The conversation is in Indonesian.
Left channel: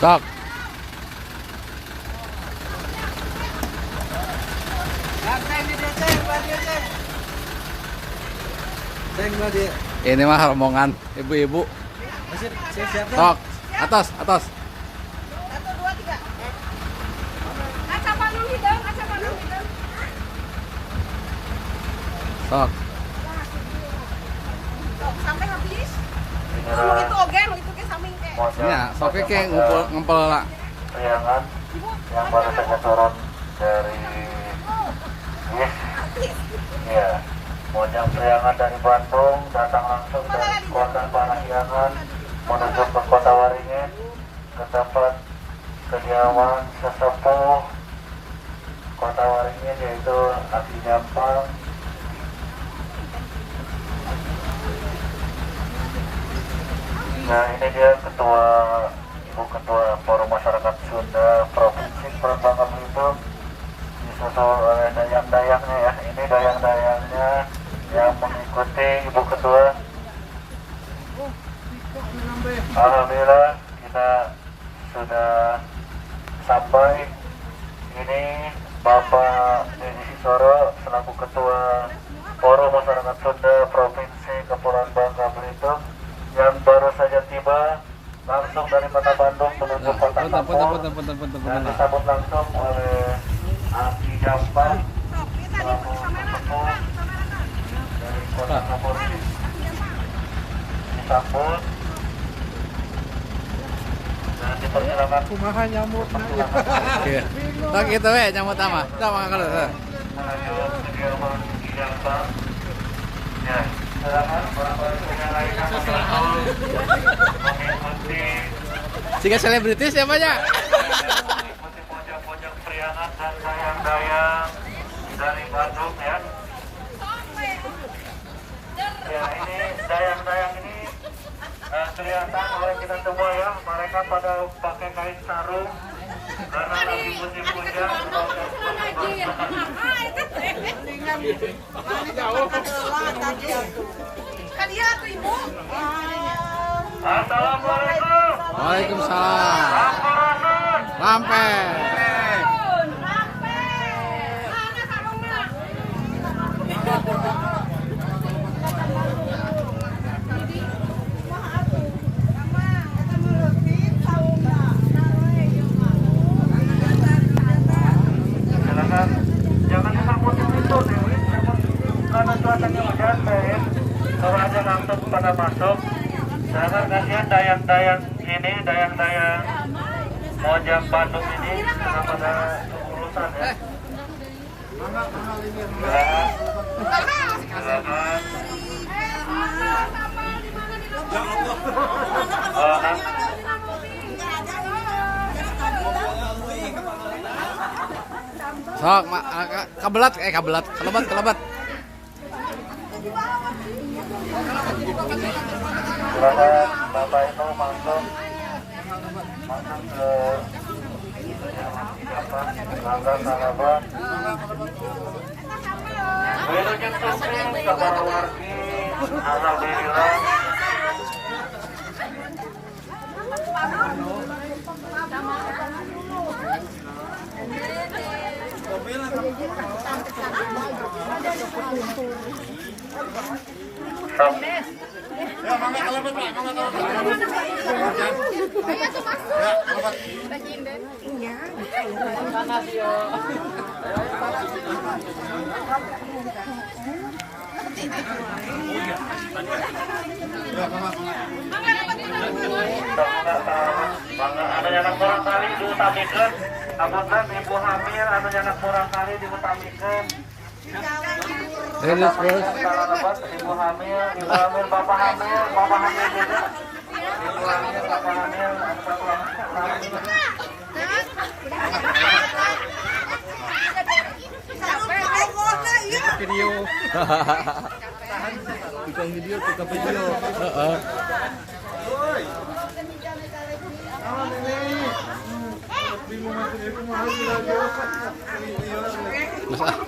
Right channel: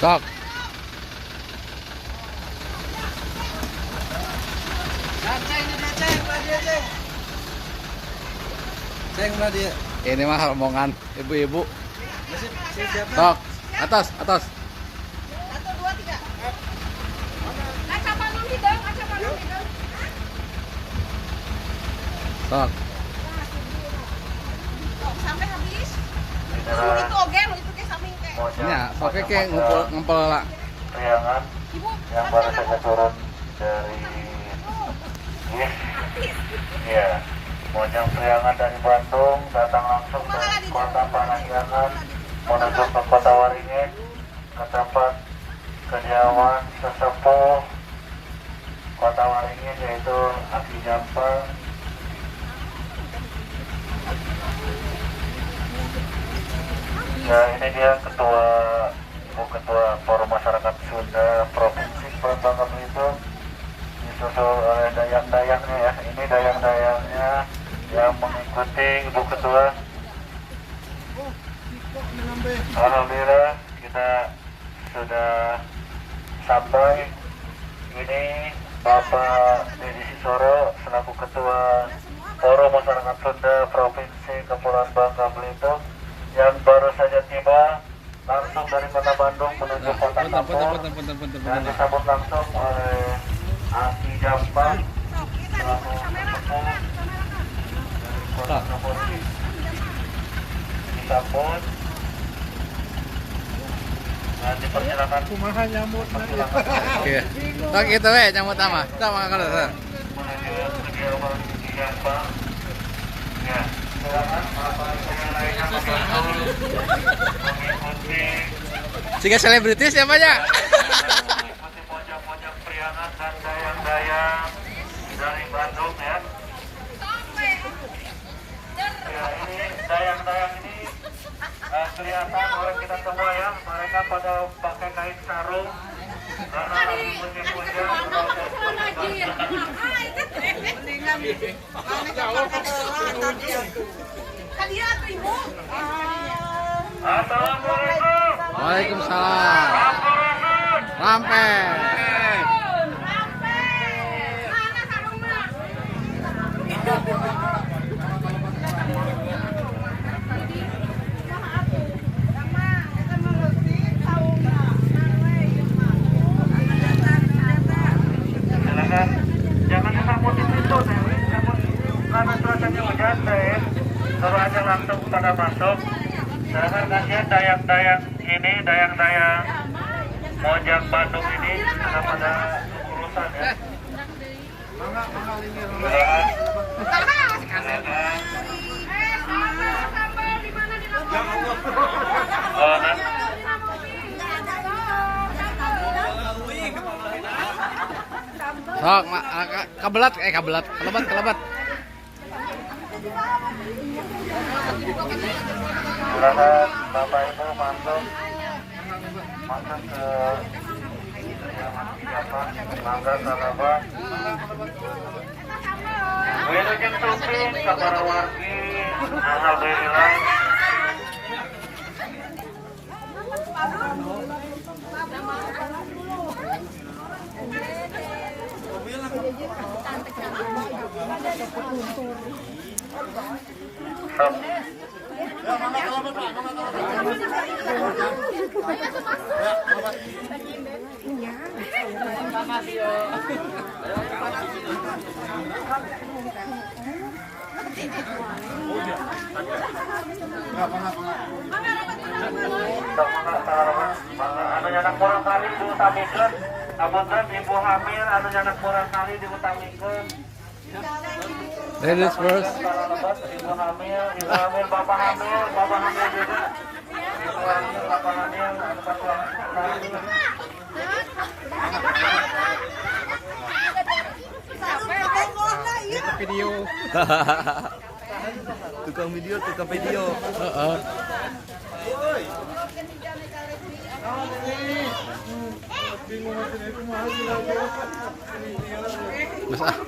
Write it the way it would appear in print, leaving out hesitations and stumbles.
Sok. Ini mah rombongan ibu-ibu. Sok, atas, atas. 1, 2, 3. Aca paling hidung, aca paling hidung. Sok. Sok sampai habis. Lu itu oge, lu itu ke samping ke. Ya, soknya kayak ngumpul lah. Priangan Ibu, yang baru saja turun dari ya, Mojang Priangan dari Bandung datang langsung dari kota Parahyangan menuju ke kota Waringin ke tempat kediaman sesepuh kota Waringin yaitu Aki Jampang. Nah, ini dia Ibu Ketua Forum Masyarakat Sunda Provinsi Peran Bangka Belitung, disusul oleh dayang-dayangnya ya. Ini dayang-dayangnya yang mengikuti Ibu Ketua. Alhamdulillah kita sudah sampai. Ini Bapak Dedi Sisoro selaku Ketua Forum Masyarakat Sunda Provinsi Kepulauan Bangka Belitung yang baru saja tiba langsung dari kota Bandung menuju kota Kampung dan disambut langsung oleh Aki Jampang dari kota Kapolri. Disambut dan dipersilakan Kumaha nyamut Oke. Sok itu we nyamut ama. Sok mangkal. menuju kediaman Aki Jampang. Ya, silakan Bapak Ibu yang lainnya mengikuti Tiga selebritis siapa aja? pojok-pojok Priangan dan dayang-dayang dari Bandung ya. Ya, ini dayang-dayang ini kelihatan oleh kita semua ya, mereka pada pakai kain sarung karena lagi musim hujan. Assalamualaikum. Waalaikumsalam. Lampe. mana sarungna? Silakan jangan disambut di pintu deh, sambut karena cuacanya hujan deh. Kalau aja langsung pada masuk. Silakan kasihan dayang-dayang ini, dayang-dayang Mojang Bandung ini sudah pada urusan ya. Silakan. Sambal di mana di mana? Oh, nanti Sok, kabelat, kelebat. silakan Bapak Ibu masuk ke Bangga Salaban. Wilujeng Suping kepada wargi. Alhamdulillah. Stop. Anu nyanak kurang kali diutamikeun, apunten ibu hamil anu nyanak kurang kali diutamikeun. Lulus terus. Ibu hamil, bapak hamil juga. Ibu hamil, bapak hamil, anu patulangan video. Tukang video. Heeh. Mas